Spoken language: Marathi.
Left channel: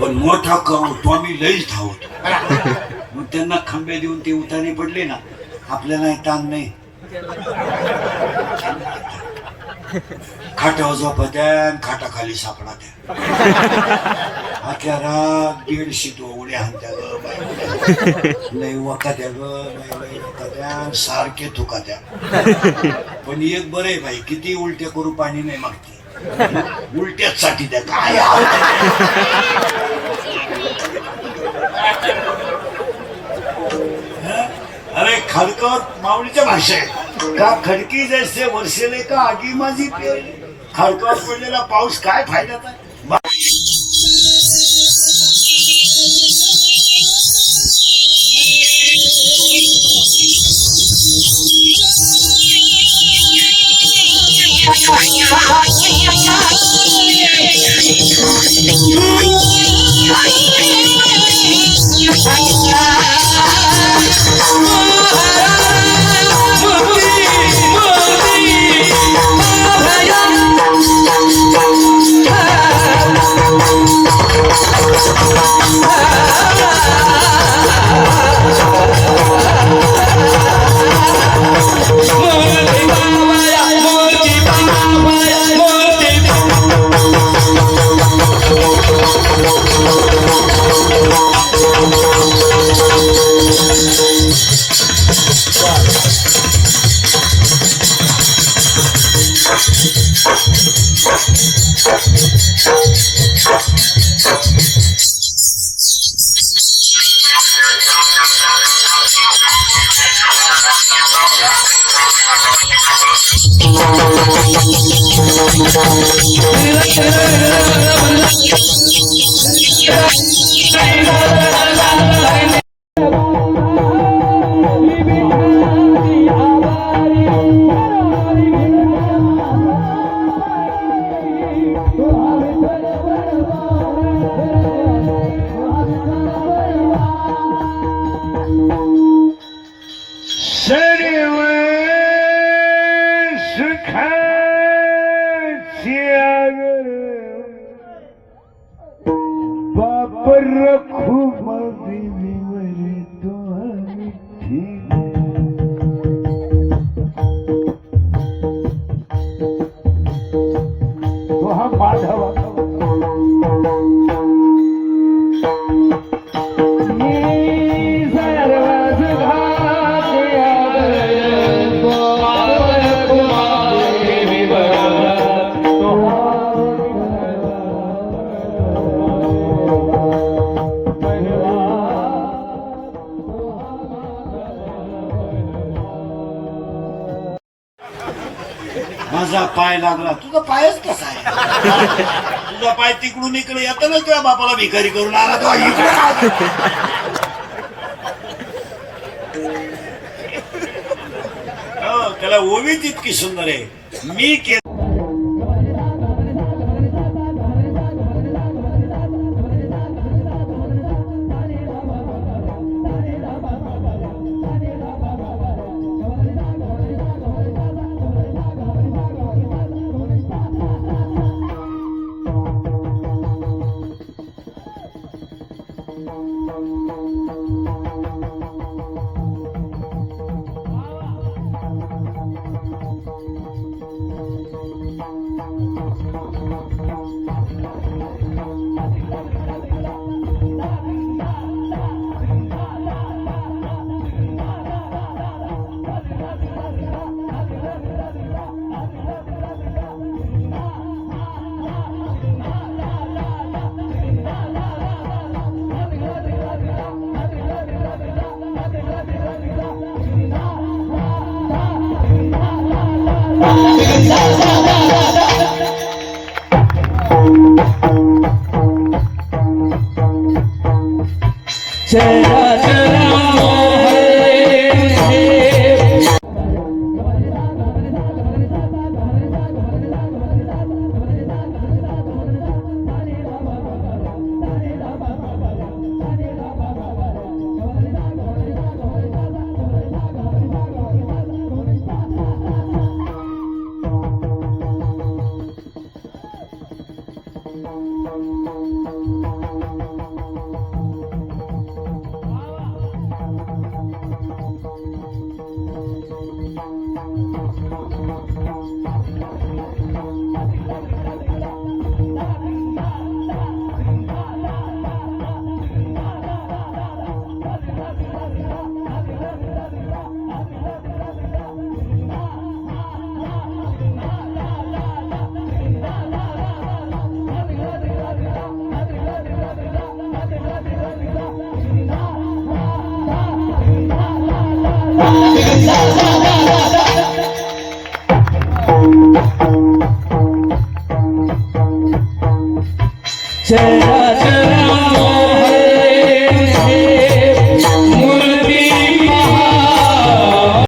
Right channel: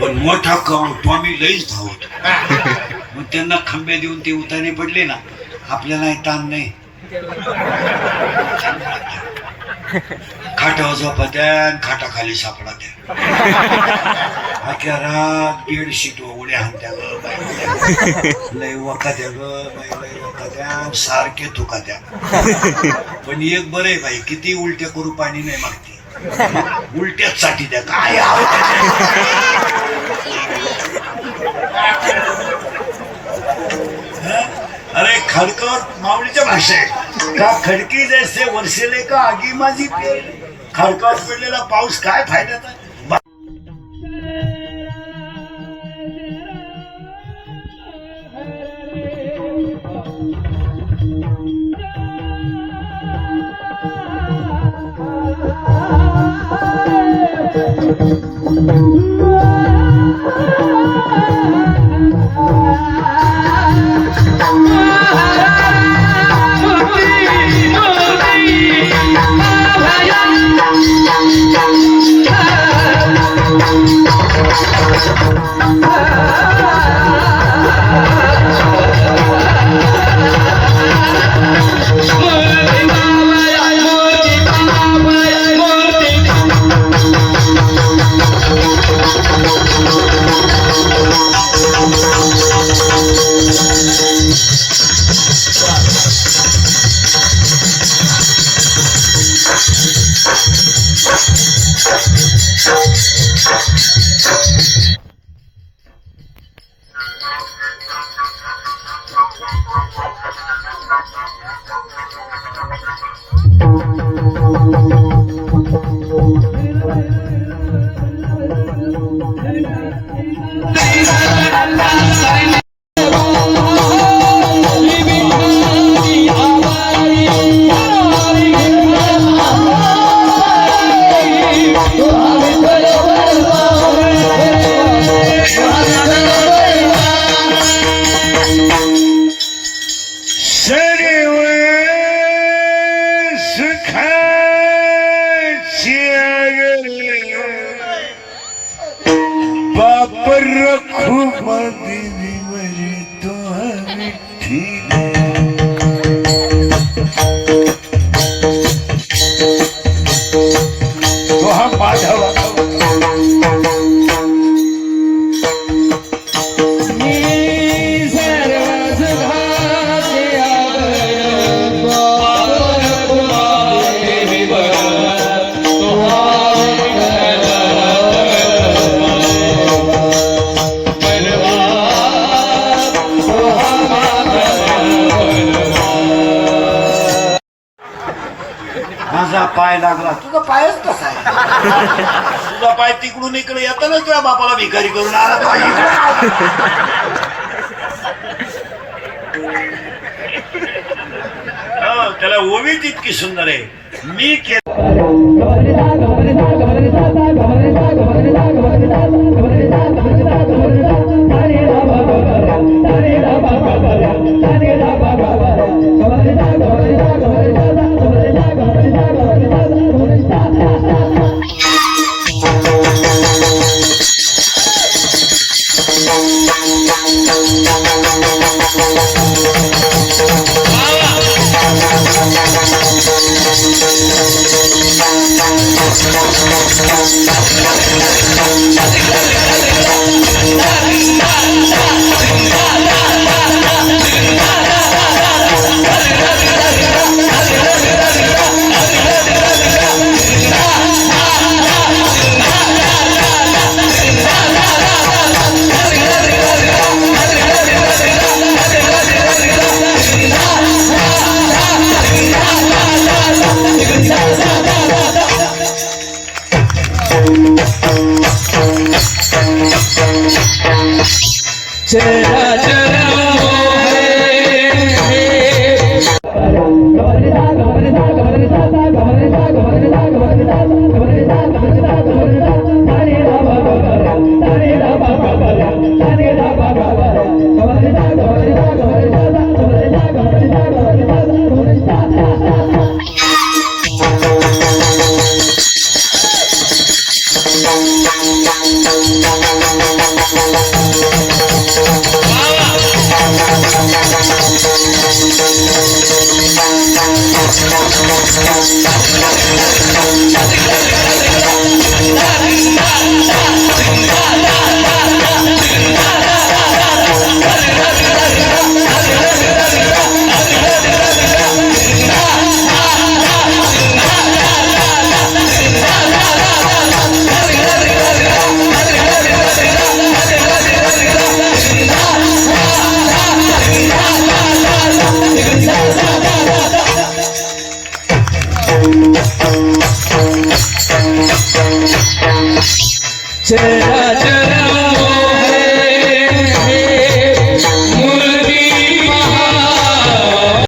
पण मोठा तो आम्ही लईच धावतो. मग त्यांना खंबे देऊन ते उतारे पडले ना, आपल्याला ताण नाही. खाटावर झोपत्या, खाटाखाली सापडा त्या. अख्या रात बेडशीट उड्या हाणत्या ग बाई, लय वकात्या ग बाई, लय वकात्या, सारखे थुकात्या. पण एक बरं आहे बाई, किती उलट्या करू पाणी नाही मागते, उलट्याच साठी द्या काय. अरे खडकर माऊलीच्या भाषा आहे का, खडकी जैसे वर्षेले का आगी माझी खडकावर पडलेला पाऊस काय फायद्याचा. माझा पाय लागला, तुझा पायच कसा आहे. तुझा पाय तिकडून इकडे येताना तुझ्या बापाला भिकारी करून आला तो त्याला ओवीच इतकी सुंदर आहे. मी चरा चरा